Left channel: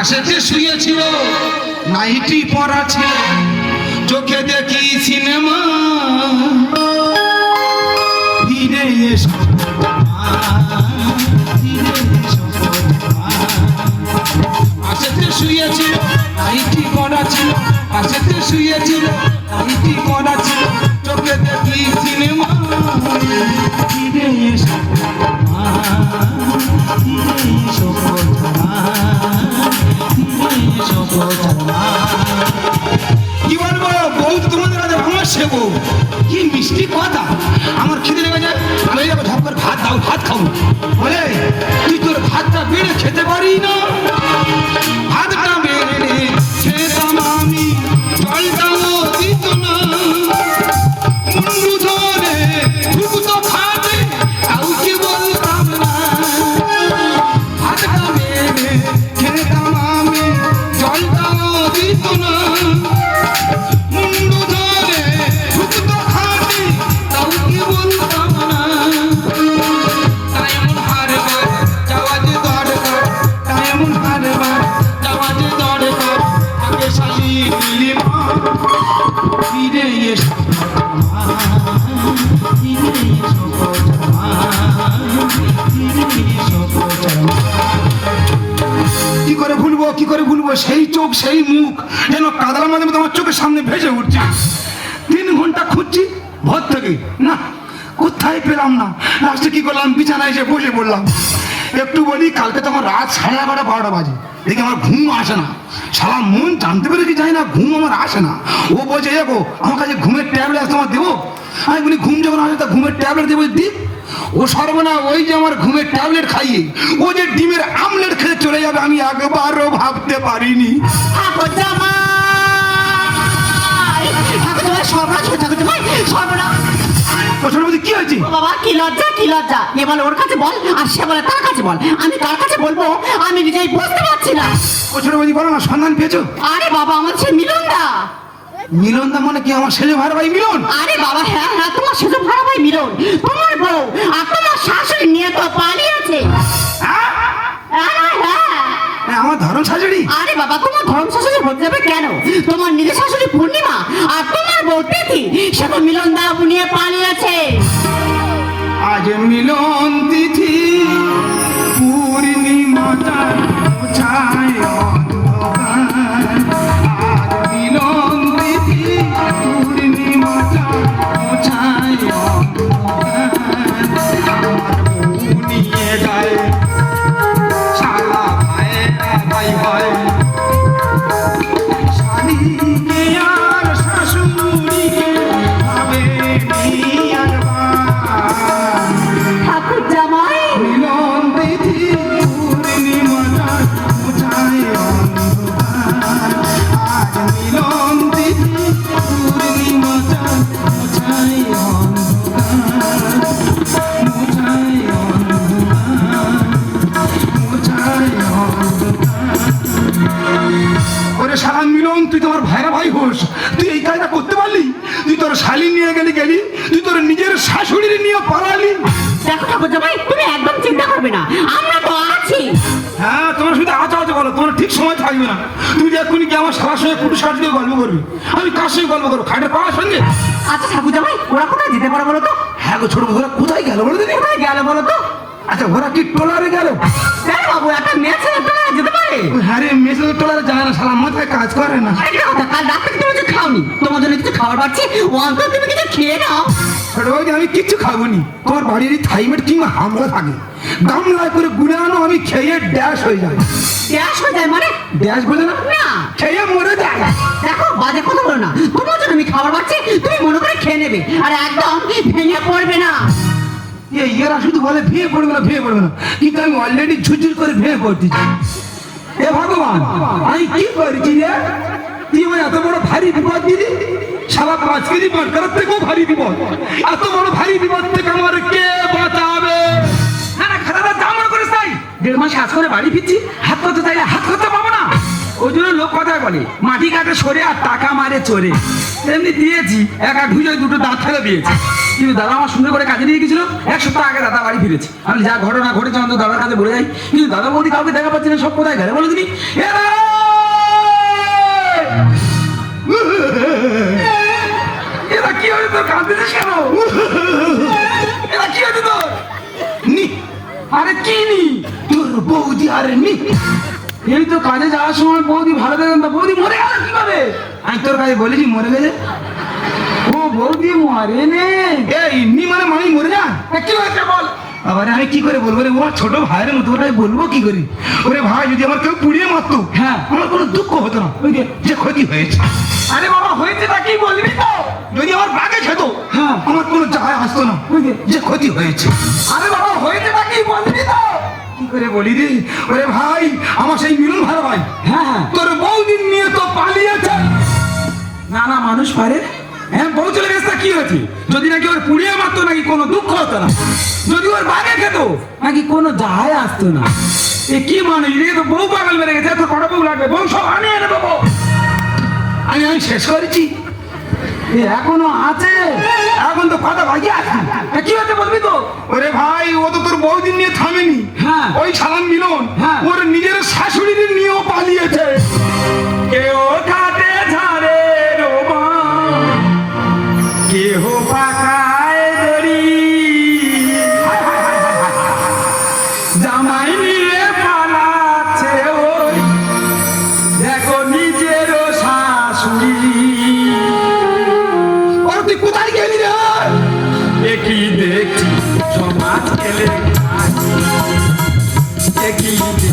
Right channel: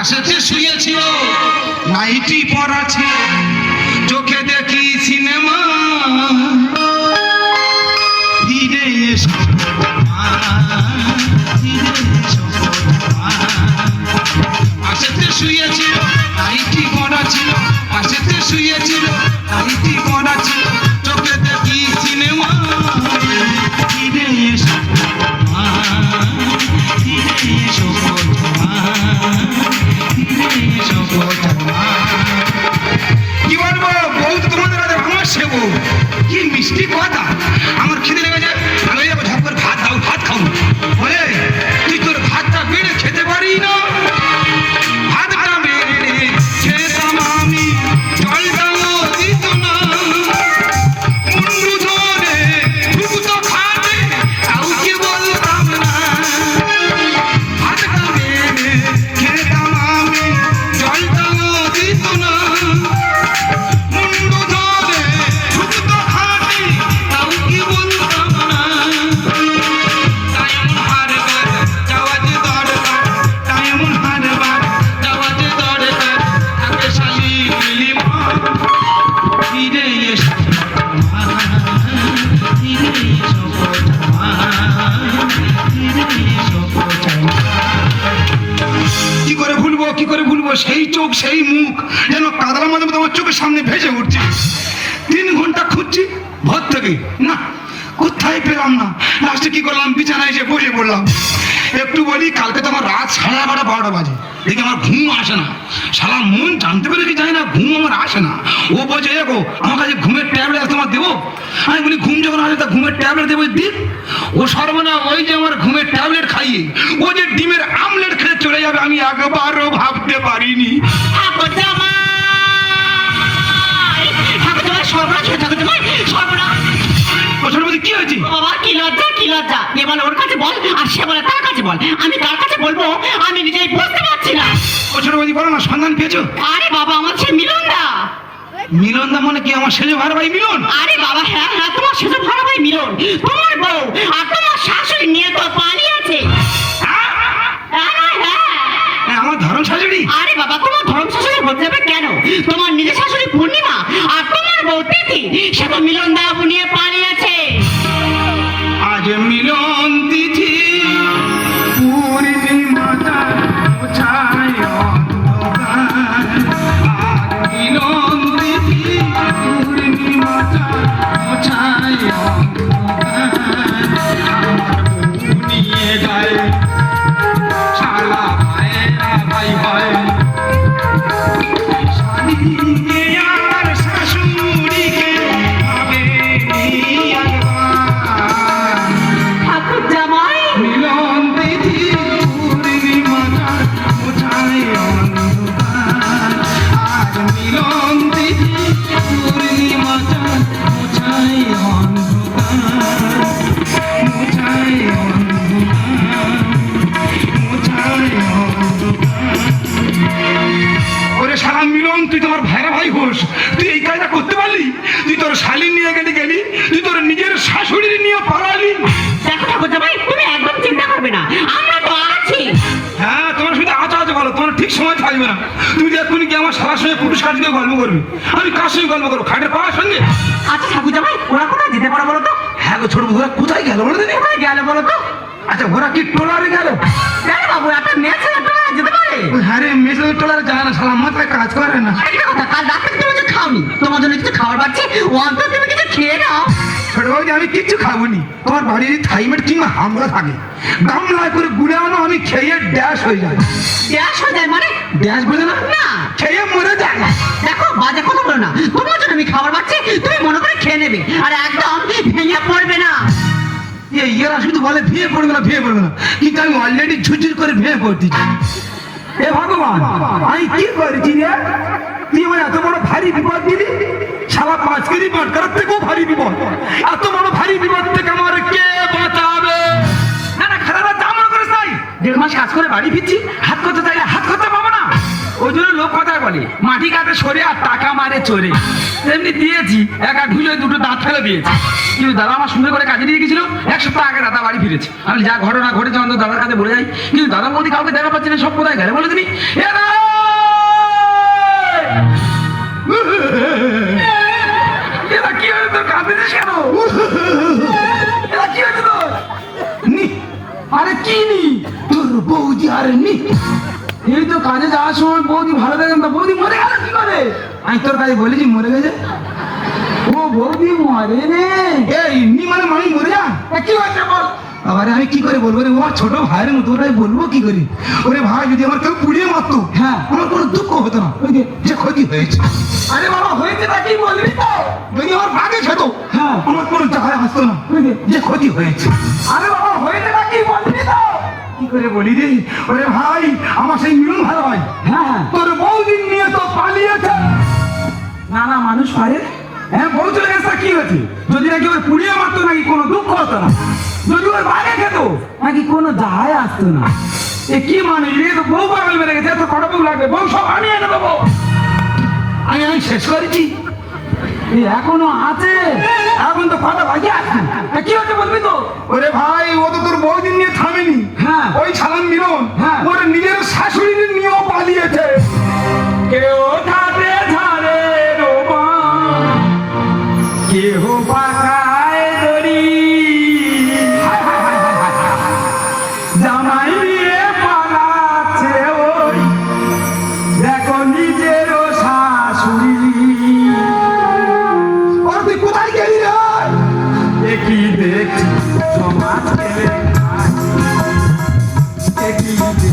পাশেতে শুয়েছিল নাইটি পরা ছিল চোখে দেখি সিনেমা ধীরে এসো পাশেতে শুয়েছিল নাইটি পরা ছিল পাশেতে শুয়েছিল নাইটি পরা ছিল চোখে দেখি সিনেমা ধীরে এসো কি বলবো বউ তোমাদের আমার সে বউ কি মিষ্টি কথা আমার খিদে লেগে যায় আমি যাবো ঝপ করে ভাত দাও ভাত খাবো বলে তুই তোর ভাতটা বেড়ে খেতে পারি না ভাতটা বেড়ে খেতাম আমি জলটাও দিত না মুন্ডু ধরে খুব তো খাবে কাউকে বলতাম না ভাতটা বেড়ে খেতাম আমি জলটাও দিত না মুন্ডু ধরে খুব তো খাবে কাউকে বলতাম না টাইম হারবার যাওয়া যে দরকার টাইম হারবার যাওয়া যে দরকার আগে শালি মিলি মা ফিরে এসো ফিরে এসো কি করে ভুলবো সেই চোখ সেই মুখ যেন কাদার মাঝে আমার চোখের সামনে ভেসে উঠছে 3 ঘন্টা খুঁজছি ভর থেকে না কোথায় পেলাম না লাস্টে কি করলাম বিছানায় এসে বসে পড়লাম একটু বলি কালকে তো আমার রাত 11:30 12টা বাজে দেখি আমার ঘুম আসে না সারা মন জানতে পেরে কি জানি না ঘুম আমার আসে না ও বলছে দেখো আমার কাছে ঘুমের ট্যাবলেট তোমার দেবো আমি বলি ঘুম যখন আসে তা ঘুমের ট্যাবলেট দেবো দিক ও সর্বনা ওই যে আমার ঘুমের ট্যাবলেট খাইয়ে ও যে ডিমের আমলেট খেয়ে চলে যাবে আমি একবারও ভাবতে পারিনি কি হয়েছে বাবা কি লজ্জা কি লজ্জা এ বলে ওর কাছে বল আর সে বলে তার কাছে বল আমি কার কাছে বলবো আমি নিজেই বুঝতে পারছি না বৌদি বলো না সন্ধান পেয়েছো আরে বাবা আমার সে মিলনদা মিলনদা মানে কি আমার সেজো ভাড়া ভাই মিলন আরে বাবা হ্যাঁ হ্যাঁ তোমার সেজো ভাড়া ভাই মিলন তোমার বউ আর তোমার শাশুড়ি নিয়ে তো পালিয়েছে আমার ধরম শাশুড়ি আরে বাবা তোমার ধরম শাশুড়ি বলতে যাবে কেন তোমার নিজের শাশুড়ি পূর্ণিমা আর তোমার বউ তিথি সে তো মিলনদা নিয়ে পালিয়েছে আজ মিলন তিথি পূর্ণিমাটা ছায় অন্ধকার আজ মিলন তিথি পূর্ণিমাটা ছায় অন্ধকার আমার বউ নিয়ে যায় সারা ভাই হয় শাড়িকে আর শাশুড়িকে হবে ঠাকুর জামাই মিলন তিথি পূর্ণিমাটার মোছায় অন্ধকার আজ মিলন তিথি পূর্ণিমাটার মোছায় অন্ধকার মোছায় অন্ধকার মোছায় অন্ধকার ওরে সারা মিলন তুই তোর ভাইরা ভাই হোস তুই এই কাজটা করতে পারলি তুই তোর শালি নিয়ে গেলি তুই তোর নিজের শাশুড়ি নিয়ে পালালি দেখো ঠাকুর জামাই তুমি একদম চিন্তা করবে না আমরা তো আছি হ্যাঁ তোমার শুধু আচ্ছা বলো তোমার ঠিক সময় থাকবে না তুমি এক্ষুনি কি আমার সারার সঙ্গে পুরুষ কাজ দিয়ে গল্প করবে আমি কার সঙ্গে গল্প করবো খাটের পাওয়ার সঙ্গে আচ্ছা ঠাকুর জামাই ওরা কোথায় যেতে পারো বলো তো হ্যাঁ গো ছোট ঘোরা কোথায় গেল বলে দিদি কোথায় গেল বলো তো আচ্ছা ঘোরা কি টোলারে গেল হ্যাঁ বাবু একটা মেয়ে ছেলে পেলে যেতে পারে হ্যাঁ রে মেসেজ টোলারে যায় না সারা মাথায় কাজ করে না আরে কথা কাল রাত থেকে তুমি কিছু খাওনি তোমার জন্য কিছু খাবার পাচ্ছি অন্তত তুমি কিছু খেয়ে নাও ছোট বৌদি আমি কিচ্ছু খাবো নি তোমার বাড়ির থাইমেট কিংবা হামলা থাকে গামলায় করে গুলে আনো আমি খেয়ে ড্যাশ হয়ে যায় গ্যাস হয়ে যায় মানে ড্যাশ বলে না না খেয়ে মরে যায় দেখো বাজে কথা বলো না তোমার জন্য আমি খাবার পাচ্ছি তুমি মনে করে খেয়ে নেবে আর একদম ভেঙে পড়বে না এরা শুধু বলে ভেঙে পড়বে না কিন্তু আমি অলরেডি ঝুঝুর করে ভেঙে পড়তেছি এ ভগবান আমি কি করেছি রে তুই আমার এত বড় ভারী বিপদ দিলি সারা 5 কেজি বাটকার থেকেও ভারী বিপদ এত বড় ভারী বিপদ থেকে আমার কে বাঁচাবে না না খারাপ আমার করে চাই 1.5 মাস কাজ করে বাড়ি ফিরছি হাত করতে চাইলে হাত করতে পাবো না ওই জন্য লোক কথায় বলে মাটি কাটে সরে আর টাকা মারে চোরে তেমনি দিয়েছি একা ঢুলে দুটো দাঁত ফেলে দিয়েছি কিন্তু দাদা আমার সুন্দর করে কাজে নিয়ে গেছিল 1 সপ্তাহ আগে দাদা বাড়ি ফিরেছে আমি যা ঘটনা ঘটেছে আমাদের দাদার কাছে বলে যাই কিন্তু দাদা বলতে কাউকে দেখা পাচ্ছি না সব কোথায় গেলে বলে দিনি এরা করছিস কেন? এটা কি হয়েছে তোর? নি। আরে কি নি? তোর বৌদি আরে নি। এই তো কাজে যাওয়ার সময় বৌদি ভালো দেখেন তো, বৌদি মরে গেল কি করে? আমি তোর কাছে বলেছি মরে গেছে। ও বৌদি মরে নে। এই নি মানে মানুষ মরে যা। কি হয়েছে বল? আরে আমি কি করে বলবো রে, ও ছোট ভাইয়ের মতো, ওটাই বলবো কি করি? ওরে ভাই যদি আমার কেউ পুড়িয়ে মারতো, হ্যাঁ আমার কোনো দুঃখ হতো না, ওই যে ক্ষতি হয়েছে। আরে বাবা হয়েছে না কি বলবি তো? যদি আমার ভাগে খেতো, হ্যাঁ আমার কোনো জায়গায় আসতো না, যে ক্ষতি হয়েছে। আরে বাবা হয়েছে না কি বলবি তো? কি করে বলি রে? ওরে ভাই আমার সেই মিলন ভালো হয়, হ্যাঁ তোর বউদিন নিয়ে তো পালিয়েছে। না না মানুষ পারে, হ্যাঁ বউ চলে গেছে কি হয়েছে? যদি নাকি ওর পুড়িয়ে মারতো নাকি কোনো দুঃখ হতো না, যদি ওর ভাগে খেত নাকি কোনো যায় আসতো না। এ কি মানে রে, তো বউ পাগল মেরে গেছে, এত বড় বউ লাগবে, বউ সব আনিয়ে নেবো বউ। আমি শেষ করেছি, এখনো আছে, এখন তো কথা বাকি আছে। কি হতে বলবি তো? ওরে ভাই ও তো তোর বউদিন নিয়ে থামেনি, হ্যাঁ ওই ছাড়ান মিলন, হ্যাঁ ওর নিজের শাশুড়ির নিয়েও পালিয়েছে। কেউ ধারে ধারে রোমা, কেহ পাকায় দড়ি, জামাই নিয়ে পালাচ্ছে ওই দেখো নিজেরও শাশুড়ি। ওর তুই কোথায় গেলি রে? একই দেখছি সমাজ গেলে, একই দেখছি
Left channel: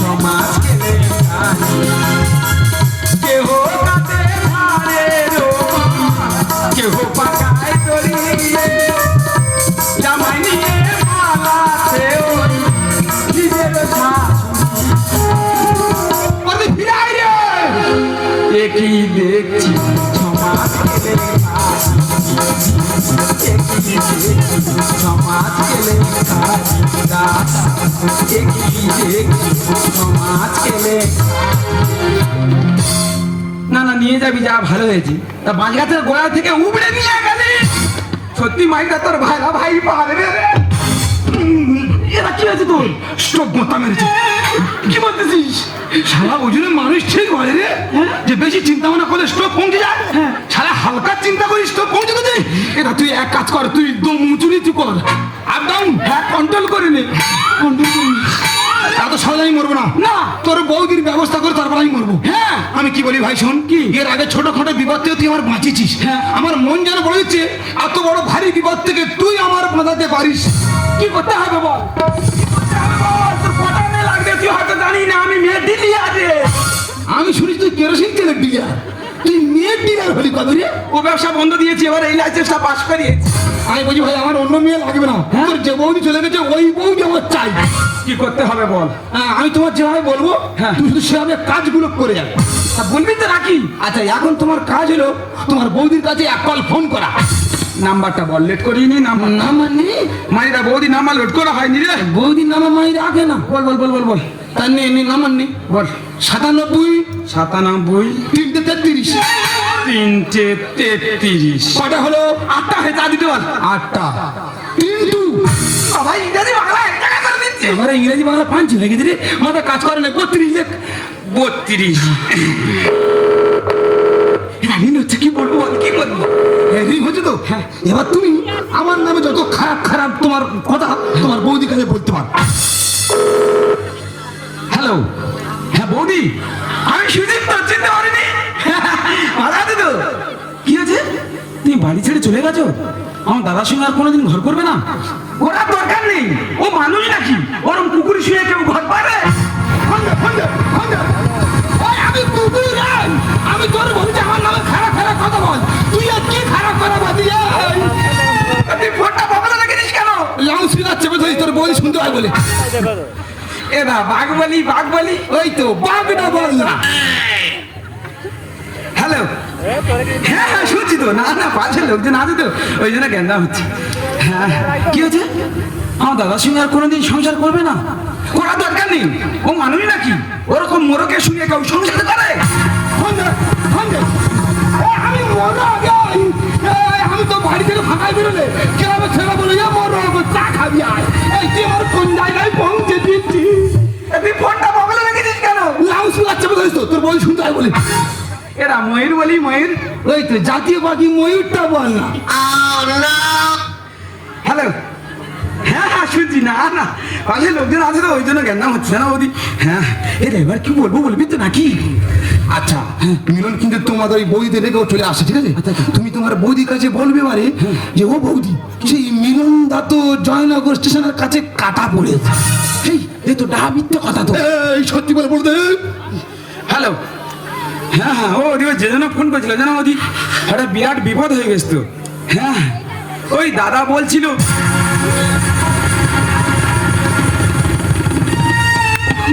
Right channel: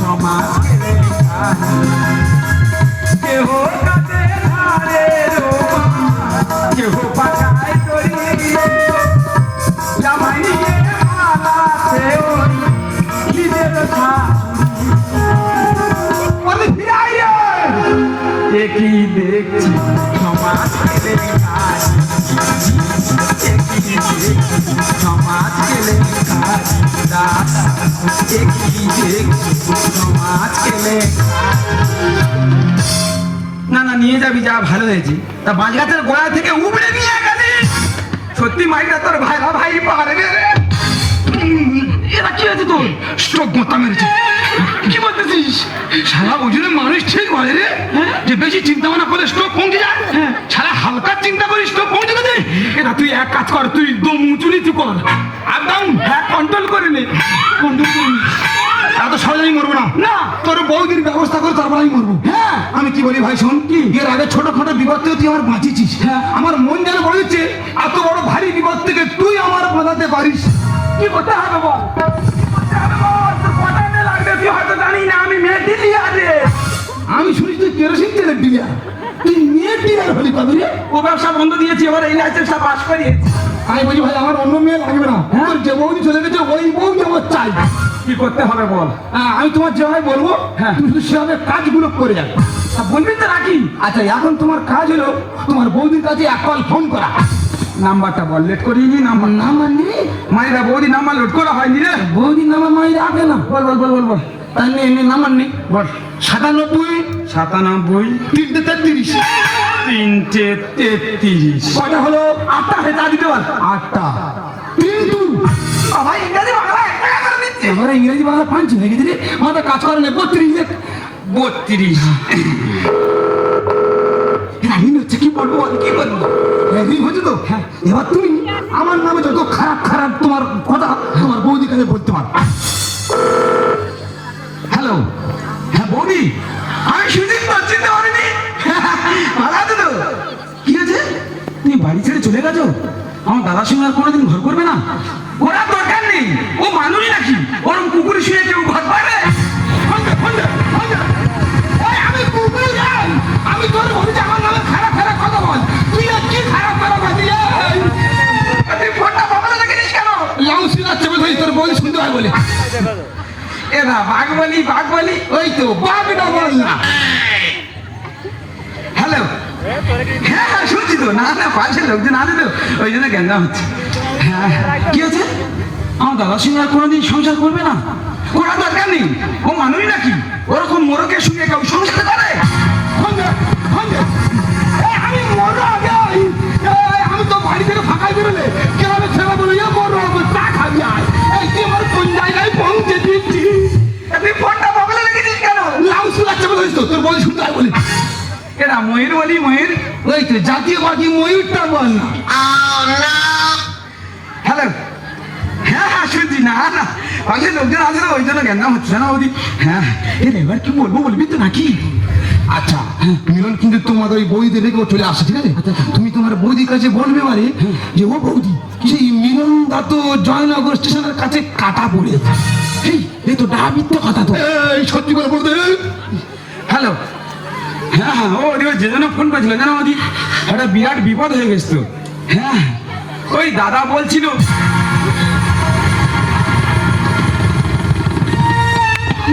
সমাজ গেলে, কেহ কাঁদে ধারে রোমা, কেহ পাকায় দড়ি, জামাই নিয়ে পালাচ্ছে ওই নিজেরও শাশুড়ি। ফিরে আয় রে। একই দেখছি সমাজ গেলে, একই দেখছি সমাজ গেলে, একই দেখছি সমাজ গেলে। না না নিয়ে যাবি, যা ভালো হয়েছে। তা বাঁশগাছের গোড়া থেকে উবড়ে নিয়ে গেলি, সত্যি মাইটা তোর ভাইরা ভাই পারবে রে। এরা কি হয়েছে তোর? স্ট্রোক মাথা মেরেছে। কি বলতেছিস? সারা ওজনের মানুষ ঠিক বলে রে, যে বেশি চিন্তা ভাবনা করলে স্ট্রোক পৌঁছে যায়, সারা হালকা চিন্তা করে স্ট্রোক পৌঁছে গেছে। এটা তুই এক কাজ কর, তুই দম উঁচু নিচু কর, আপ ডাউন কন্ট্রোল করে নে, কন্ট্রোল করে নে। তো সহজেই মরবো না, না তোর বৌদির ব্যবস্থা করে তারপর আমি মরবো। হ্যাঁ আমি কি বলি ভাই শোন, কি এর আগে ছোটখাটো বিপদ থেকে তুই আমার বাঁচিয়েছিস, হ্যাঁ আমার মন যেন বলে দিচ্ছে এত বড় ভারী বিপদ থেকে তুই আমার বাঁচাতে পারিস। কি করতে হবে বল? আমি শুনি তুই কেরোসিন তেলের ডিলার, তুই মেয়ে ডিলার হলি কবে রে? ও ব্যবসা বন্ধ দিয়েছি, এবার এই লাইসেন্সটা পাস করিয়েছি। আমি বলি ভাই আমার অন্য মেয়ে লাগবে না, হ্যাঁ যে বৌদি চলে গেছে ওই বউকে আমার চাই। কি করতে হবে বল? আমি তোমার যেভাবে বলবো, হ্যাঁ তুই শুধু সেভাবে কাজগুলো করে যাবে। বলবি তো নাকি? আচ্ছা এখন তোমার কাজ হলো তোমার বৌদির কাছে এক কল ফোন করা। নাম্বারটা বল, লেট করিনি। নাম্বার নেই মায়েরা, বৌদি নাম্বার লোড করা হয়নি রে। বৌদির নাম্বার মায়েরা আগে না, বল বল বল বল বল। তার নেই নাম্বার নেই, বল 97 333 333। কটা হলো? 8টা হয়ে যা দিতে বল। 8টা কিন্তু ভাই ইংরেজি বাংলা এবারে ইংরেজি বাংলা পাঞ্চি হয়ে গেছে রে, আমাদের কাজ করে না। 32 ঋণ হচ্ছে, কি বলবো কি বলবো? ঋণ হচ্ছে তো, হ্যাঁ এবার তুমি আমার নামে যত খারাপ খারাপ তোমার কথা তোমার বৌদি কাছে বলতে পারো। হ্যালো, হ্যাঁ বৌদি আমি সুজিত চিনতে পারিনি। ভালো আছে তো? কি আছে? তুমি বাড়ি ছেড়ে চলে গেছো? আমার দাদার সঙ্গে আর কোনোদিন ঘর করবে না? ওরা দরকার নেই, ও মানুষ নাকি ওরম কুকুর শুয়ে কেউ ঘর পাবে? আমি কুকুর যাই, আমি তোর বলছি আমার নামে খারাপ খারাপ কথা বল। তুই আর কি খারাপ কথা বলছিস? তুই ফোনটা বাবাতে রেখেছিস কেন? লাউসিলা চেপে ধরি তোর বই শুনতে হয় বলে। এ না বাঘ বলি ওই তো বাঘটা বল না। হ্যালো, হ্যাঁ হ্যাঁ শুনছি তো। না না পাশের লোকজন আছে তো, ওই জন্য গেন্দা হচ্ছে। হ্যাঁ কি আছে? আমার দাদার সঙ্গে আর কোনোদিন সংসার করবে না? ওরা দরকার নেই, ও মানুষ নাকি ওরকম মোরকে শুনে কেউ সংসার করে? আমি তো বাড়ি থেকে ফাঁকাই বেরোলে কেউ ছেলে বলে চা খাবি আয়, কোন জায়গায় পৌঁছে দিচ্ছি। তুই ফোনটা বগলে রেখেছিস কেন? লাউসু বাচ্চা বলিস তো, তোর বল শুনতে হয় বলি। এরা ময়ূর বলি, ময়ূর ওই তো জাতীয় পাখি ময়ূরটা বল না। পাশে লোকজন আছে না, ওই জন্য জ্ঞান হচ্ছে না বৌদি। হ্যাঁ এবার কি বলবো, বলবি তো নাকি? আচ্ছা মিলন কিন্তু তোমার ওই বৌদি রেখেও চলে আসে, ঠিক আছে? তুমি তোমার বৌদির কাছে বলবে পারে যে ও বৌদি, সেই মিলন দা তো জয়নগর স্টেশনের কাছে কাটা পড়েছে। এই তো মিথ্যে কথা তো, এই সত্যি করে বলতে। হ্যালো, হ্যাঁ হ্যাঁ, ও ওদিকে যে জন্য ফোন করেছিল জানো ওদি, একটা বিরাট বিপদ হয়ে গেছে তো। হ্যাঁ ওই দাদা বলছিল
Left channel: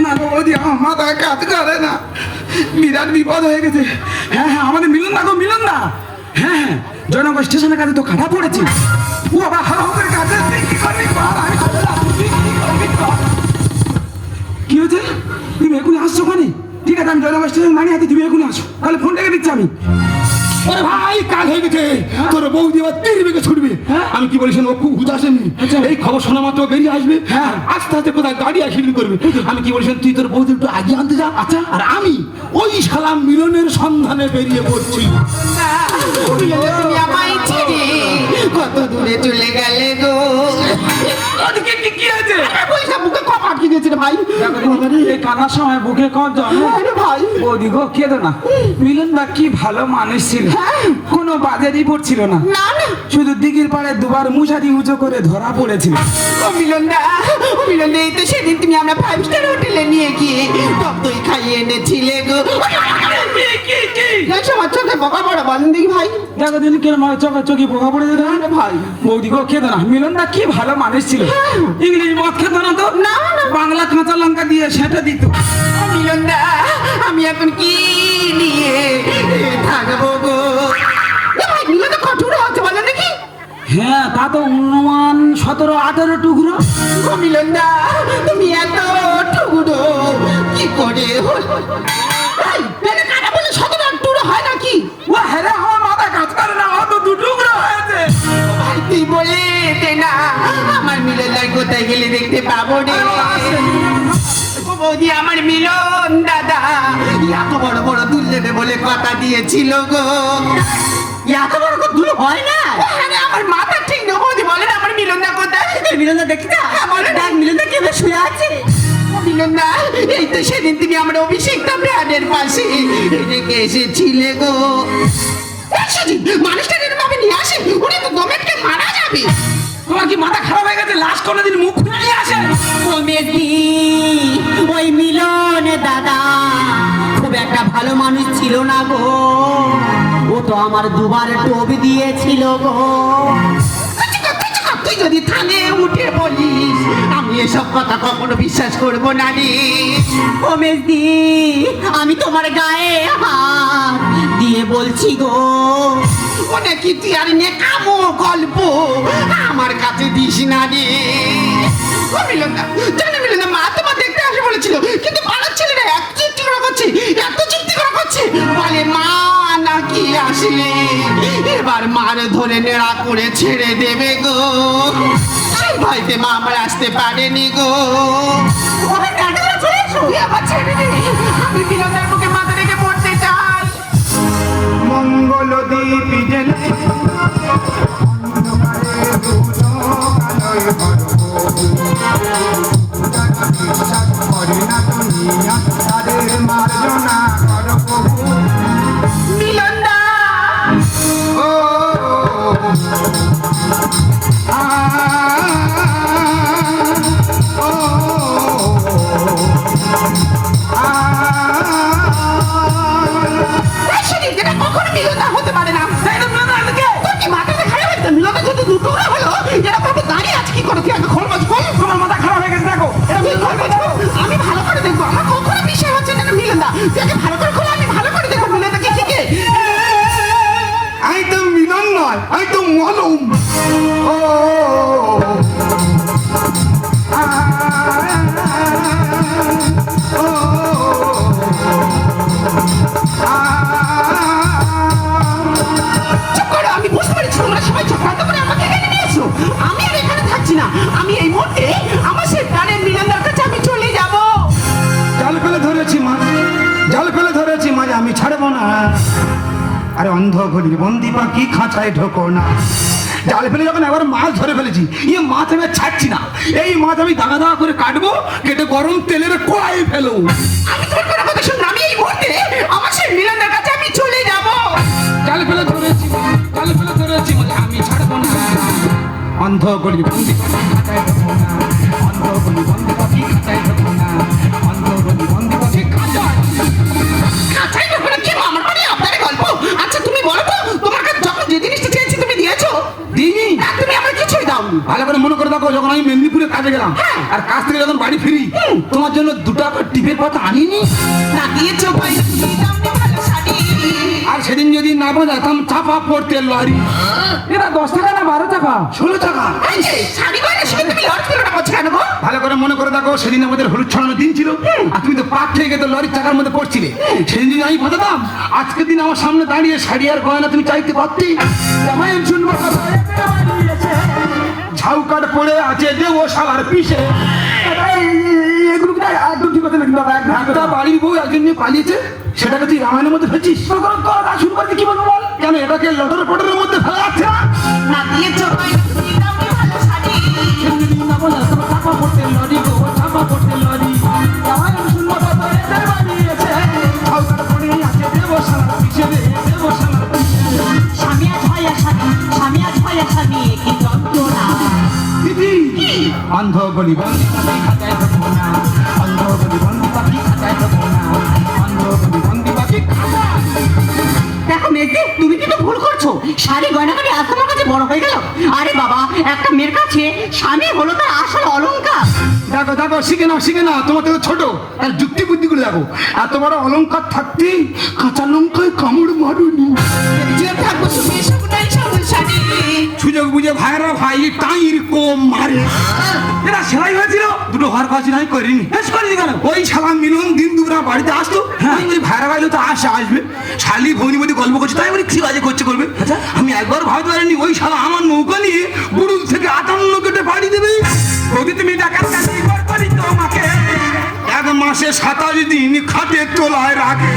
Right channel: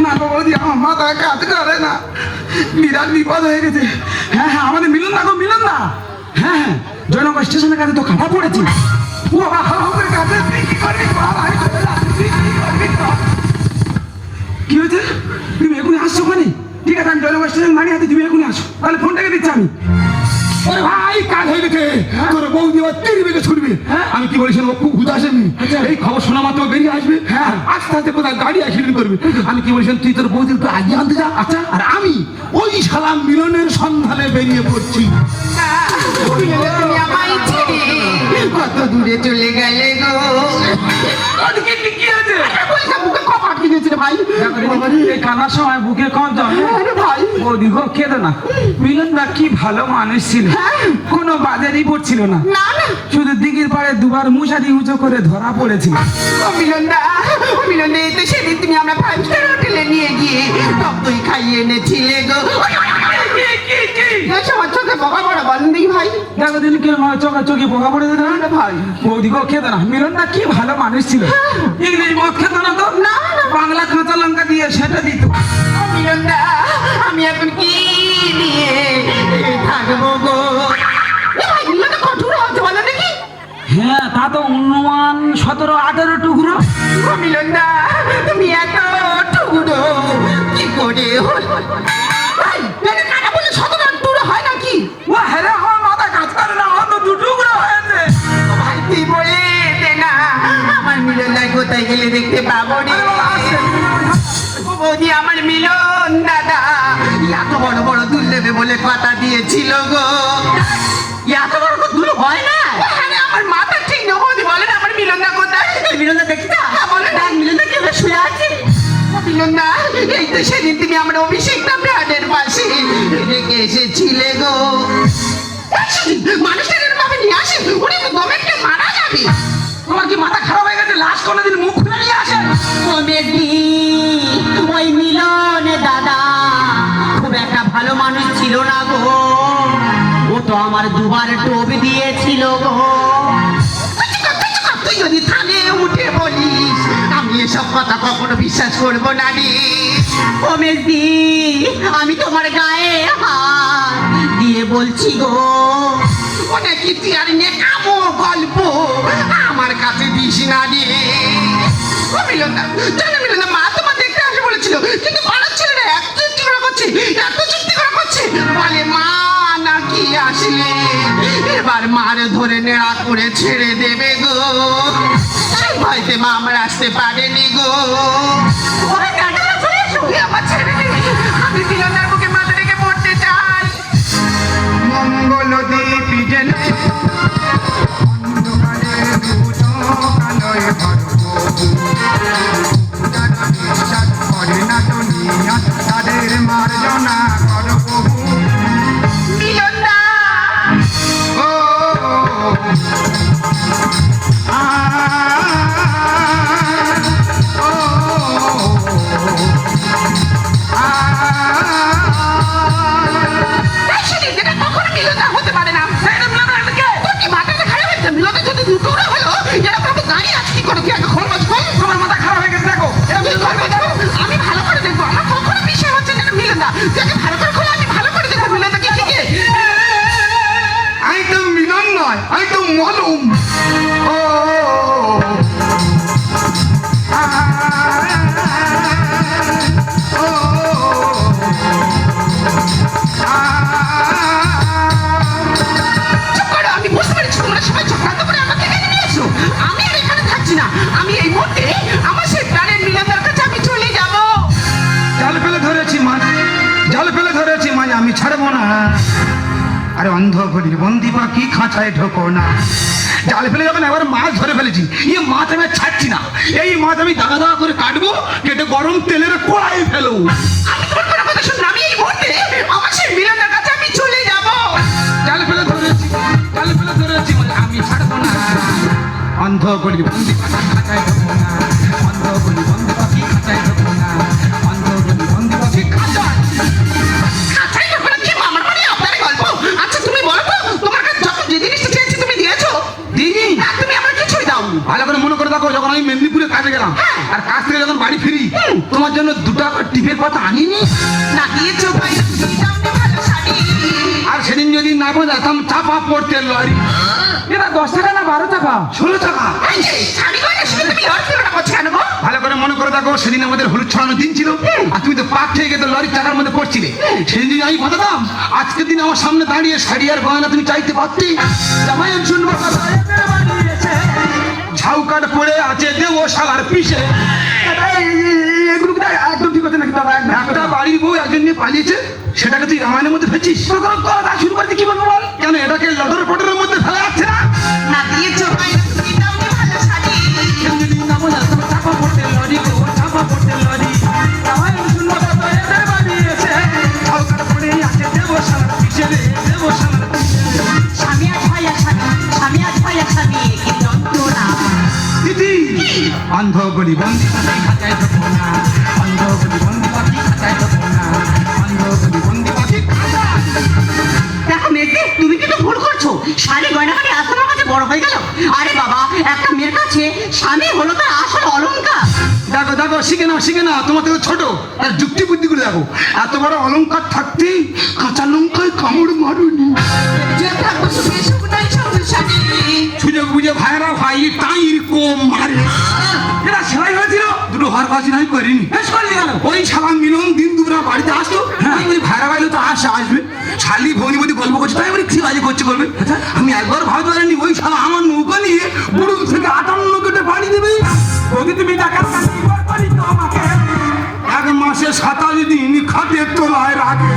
না গো বৌদি, আমার মাথা কাজ করে না, বিরাট বিপদ হয়ে গেছে। হ্যাঁ হ্যাঁ, আমাদের মিলন না গো, মিলন না। হ্যাঁ হ্যাঁ, জয়নগর স্টেশনের কাছে তো কাটা পড়েছে। ও বাবা, হাতের কাছে কি করবি বল, আমি তো না, তুই কি করবি বল। কি হয়েছে? তুমি এখনই আসছো মানে? ঠিক আছে, আমি জয়নগর স্টেশন মানে আছি, তুমি এখনই আসো, তাহলে ফোন রেখে দিচ্ছি আমি। আরে ভাই কাজ হয়ে গেছে, তোর বৌদি আবার তিন বেগে ছুটবে। আমি কি বলেছিলাম, ও খুব হুদাসেনি, এই খবর শোনা মাত্র বেরিয়ে আসবে। হ্যাঁ আস্তে আস্তে কোথায় গাড়ি অ্যাক্সিডেন্ট করবে। আমি কি বলেছিলাম, তুই তোর বৌদির একটু আগে আনতে যা। আচ্ছা, আর আমি ওই শালা মিলনের সন্ধানে বেরিয়ে পড়ছি। তুমি আমায় ছেড়ে কত দূরে চলে গেলে গো। ওদিকে কি আছে? বলছিলাম বুকে কপ আটকে গেছিল ভাই। এই কানার সময় বুকে কম দাও ভাই বৌদি গো, কেঁদো না। মিলন দা কি ভালো মানুষ ছিল, কোনো বাজে রিপোর্ট ছিল না, না না শুধু দিঘির পাড়ে দুবার মুশারি উঁচু করে ধরা পড়েছিল। ও মিলনদা, মিলনদা এই তো সেদিন তুমি আমরা 5 স্টার হোটেলে নিয়ে গিয়ে ততই খাইয়ে এনেছিলে গো। আমার চোখে বোকা বড় বাঁধন দেখি ভাই। দেখো দিন কেন চোখে চোখে বোকা পড়ে যেত না ভাই। বৌদি গো কেঁদো না, মিলন দা কি ভালো মানুষ ছিল। ইংরেজি মদ খেত না তো, না, না। বাংলা কাঁচা লঙ্কা দিয়ে সেটা দিত। ও মিলনদা, আমি এখন কি নিয়ে থাকবো গো? এ ভাই মিলনদা কঠোর হচ্ছে বলো দেখি। হ্যাঁ তা তো অনুমান 17-18 টুকরো। ও মিলনদা, তুমি এত টুকরো কি করে হলো? ভাই এটা কাটা বলে 17 টুকরো হয় নাকি? ও হেরে আমার মাথা কাজ করে না, ও তো 2 টুকরো হয়েছে। ভাই তুই বলে দে না, আমার মিলনদা কোথায় গেলে দেখতে পাবো রে। ও বৌদি, আমার মিলন দাদা এত বড় বড় দুল দেবে বলে কথা দিয়েছিল গো। এত বড় করে দুল হয় না। আরে আমার মাথা ঠিক না বৌদি, বলেন আমার মিলনদা কোথায়? মিলনদা দেখতে বলে না, মিলনদা কেঁদে শুয়ে আছে। ও মিলনদা, এই তো সেদিন তুমি আমার অভিষেকটা ব্রাডের পাশে রেখে এসেছিলে গো। মানুষটা যেন ভাবে নিয়ে আসে, ওটা তো গভর্নমেন্টকে মারা যাবে। তোমার কি মাথা খারাপ হয়ে গেছে? লাস্ট কোনোদিন মুখ খুলে নিয়ে আসে? ওই মিলন দাদা খুব একটা ভালো মানুষ ছিল না গো। ও তো আমার দুবার টোপ দিয়েছিল গো। তুই যদি থানে উঠে বলিস, আমি এসব কথা কখনো বিশ্বাস করবো না রে। ও মেজদি, আমি তোমার গায়ে হাত দিয়ে বলছি গো, অনেক ইতিহার নেকামো গল্প আমার কাছে দিস না রে। ও মিলনদা, জানো মিলনদা, মা তোমার দেখতে আসবে বলেছিল, কিন্তু পাড়ার ছেলেরা এত চুক্তি করা করছে, এত চুক্তি করা করছে, বলে মা নাকি আসলে এবার মার ধরে নেড়া করে ছেড়ে দেবে গো। তাই ভয়তে মা আমার আসতে পারেনি গো। ওরে কাকা চলে এসো, আবার ছেড়ে দে, আমি মিলনদার বুকে মাথা রেখে পড়তে চাই। মঙ্গল দ্বীপ জেনে মিলনদা, actually এটা কখনো মিলনদা হতে পারে না। এটা মিলনদা আগে তোর কি মাথাটা খারাপ হয়েছে? মিলনদা যদি দুটো হলো, এরা কত দাঁড়িয়ে আছে কি করে? কি আগে খরচ খোল। তোমার মাথা খারাপ হয়ে গেছে, দেখো আমি করবো দেখো, আমি ভালো করে দেখবো, আমার কখনো বিষয় হচ্ছে না মিলনদা। তুই আগে ভালো করে খোল, আমি ভালো করে দেখবো মিলনদা কি কি। আমি তো মিলন নয়, আমি তো মলম। ও চুপ করো, আমি বুঝতে পেরেছি তোমরা সবাই ঝগড়া করে আমাকে এখানে নিয়ে এসো। আমি আর এখানে থাকছি না, আমি এই মুহূর্তে আমার সেই প্রাণের মিলনদার কাছে আমি চলে যাবো। জাল ফেলে ধরেছি মাছ, জাল ফেলে ধরেছি মাছ, আমি ছাড়বো না। আরে অন্ধ ঘড়ির বন্দি পাখি খাঁচায় ঢোকো না, জাল ফেলে যখন এবার মাছ ধরে ফেলেছি, এই মাছ আমি আর ছাড়ছি না। এই মাছ আমি দাগা দাগা করে কাটবো, কেটে গরম তেলের কড়াই ফেলবো। আমি তোমার কোনো কথা শুনবো, আমি এই মুহূর্তে আমার সেই মিলনের কাছে আমি চলে যাব। জাল ফেলে ধরেছি, জাল ফেলে ধরেছি বলে আমি ছাড়বো না। অন্ধ করি বন্দি পাখি খাঁচায় দেবো না, অন্ধ করি বন্দি পাখি খাঁচায় দেবো না, অন্ধ করি বন্দি পাখি খাঁচায়। খাঁচাই দেবো না, কি আমার মানে আপনারই গল্প। আচ্ছা তুমি বলো তো, তোমাকে যখন যে জিনিসটা চেয়েছি তুমি দিয়েছো? দিইনি। তুমি আমার কিছুই দাওনি। ভালো করে মনে করে দেখো, যখন আমি মেদিনীপুরে কাজে গেলাম আর কাজ থেকে যখন বাড়ি ফিরি, তোমার জন্য 2 টাকা টিপের পাতা আনিনি। না দিয়েছো ভাই, দামনি ভালো শাড়ি। আর সেদিন যদি না বোঝাতাম চাপা পড়তে লরি। এটা 10 টাকা না 12 টাকা? 16 টাকা। এই যে, শাড়ি গয়নার সঙ্গে তুমি লড় ফেলো না করছো কেন গো? ভালো করে মনে করে দেখো, সেদিন আমাদের হলুদ ছড়ানোর দিন ছিল আর তুমি তো পাক খেয়ে গেছো, লরির চাকার মধ্যে পড়ছিলে। সেদিন যদি আমি বোঝাতাম, আজকের দিন আমার সামনে দাঁড়িয়ে শাড়ি আর গয়না তুমি চাইতে পারতি। জামাই শুনবো কথা, ঝাউকাট পড়ে আছে দেবো শালার পিছে। এগুলো তো একদম ঠিক কথা নাকি বাবা? একটা বাড়ির বউ একজন নিয়ে পালিয়েছে, সেটাকে তুই রামায়ণের মধ্যে ফেলছিস। কথা শুরু করতে কি বলবো বল? কেন এটাকে লটর পটরের মধ্যে ফেলা আছে না? না দিয়েছো ভাই, দামনি ভালো শাড়ি। যদি না বোঝা তো চাপা পড়তে লরি গো, চাপা পড়তে লরি। জামাই শুনবো কথা, এদের বাড়ি এসে ঝাউকাট পড়ে আছে দেবো শালার পিছে রে, দেবো শালার পিছে রে। স্বামী আজ হয় আর স্বামী, স্বামী আজ হয় আর স্বামী, কি যন্ত্রণা। দিদি, অন্ধ গলি বন্দি পাখি খাঁচায় দেবো না, অন্ধ গলি বন্দি পাখি খাঁচায় দেবো না, অন্ধ গলি বন্দি পাখি খাঁচায়। দেখো মেয়েকে, তুমি কিন্তু ভুল করছো। শাড়ি গয়না করে আজ তোমার কাছে বড় হয়ে গেল। আরে বাবা, একটা মেয়ের কাছে স্বামী হলো তার আসল অলংকার। দেখো দেখো, শিখে না, তোমার থেকে ছোট আর যুক্তি বুদ্ধি করে দেখো। এত বড় অলংকার থাকতে কাঁচা লঙ্কায় কামড় মারুনি। যে থাকবো সুখে সুখটাই সবুজ শাড়ি। সুযোগ বুঝে ভাইরা ভাই টাইর কম মারে। এটা সেলাই হয়েছিল, দুটো ঘর কাজ নাই করিনি। বেশ করে গেল। ওই শালা মিলন দিন দুপুরা বাড়িতে আসতো, আমি বলি ভাইরা ভাইলে তো আসবে, শালি ভৌরি বলি গল্প করছে, তাই বলি কি বাজে করছে করবে। আমি একবার ভাবতে পারিনি ওই শালা আমার নৌকা নিয়ে বুড়ুল থেকে 58 কেটে বাড়ি দেবে। যদি তুমি টাকার কাছে ঘর করি তো আমাকে 1 মাসে 27 দিন খাটের তলায় রাখে।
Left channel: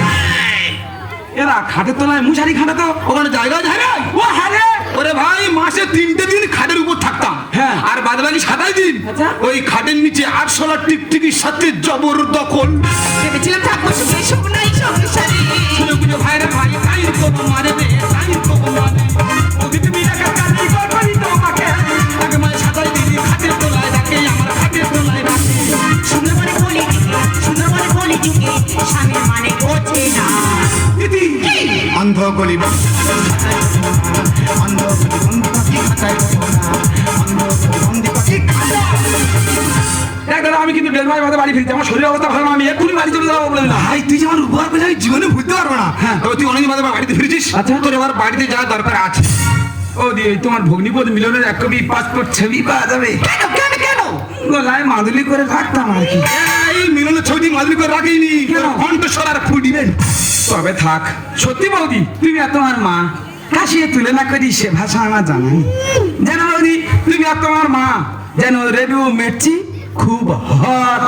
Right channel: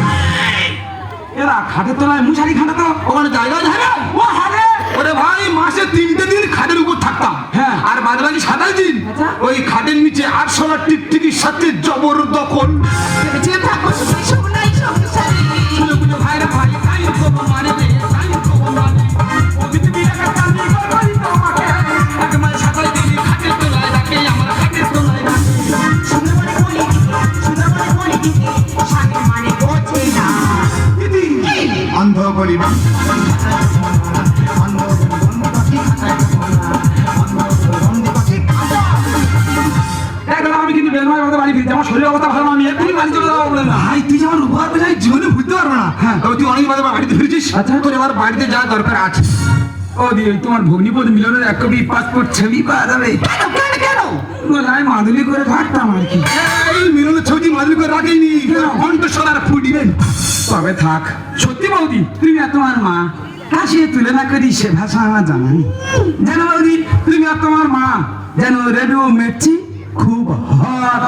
এরা খাটের তলায় মুশারি খাটা তো ওখানে জায়গা যায় না। ও হারে। ওরে ভাই, মাসে 3টে দিন খাটের উপর থাকতাম, হ্যাঁ। আর বাদ বাকি 27 দিন আচ্ছা। ওই খাটের নিচে 800 টিকটিকির সাথে জবরদখল। যে থাকবো সুখে সুখটাই সবুজ শাড়ি। সুযোগ বুঝে ভাইরা ভাই টাইর কম মারে দে, টাইর কম মারে। যদি তুমি টাকার কাছে ঘর করি তো আমাকে 1 মাসে 27 দিন খাটের তলায় রাখে, আমার খাটের তলায় রাখে। সুন্দর করে বলি দিকে, স্বামীর মানে বোঝে না। দিদি, অন্ধ বলি বন্দি পাখি খাঁচায় দেবো না, অন্ধ বলি বন্দি পাখি খাঁচায় দেবো না, অন্ধ বলি বন্দি পাখি খাঁচায়। দেখ দাদা, আমি কিন্তু বেলমায় কথা বাড়ি ফিরতে আমার শরীরের অবস্থা ভালো না, আমি এখনই বাড়ি চলে যাবো বলে না। ভাই, তুই যেমন উপহার পেয়ে জীবনে ভুলতে পারবো না। তবে তুই অনেক বাদে বাড়িতে ফিরেছিস, আচ্ছা। তোর এবার বাড়িতে যাওয়ার দরকার আছে। ও দিয়ে তোমার ভগ্নিপদ মিলনের 1 কপি পাসপোর্ট ছবি পাওয়া যাবে? কেন? গলায় মাদুলি করে ঘাটতাম আর কি। এই মিলনের ছবি মাদুরি করে রাখিনি, কণ্ঠস্বর ফুটবেন। তবে থাক, সত্যি বৌদি তুমি আর তোমার মা হাসিয়ে তুলনা করি সে ভাষা আমার জানা নেই। জানো বৌদি, তুমি আর তোমার মা যেন রেডিও মেটছি খুব হট।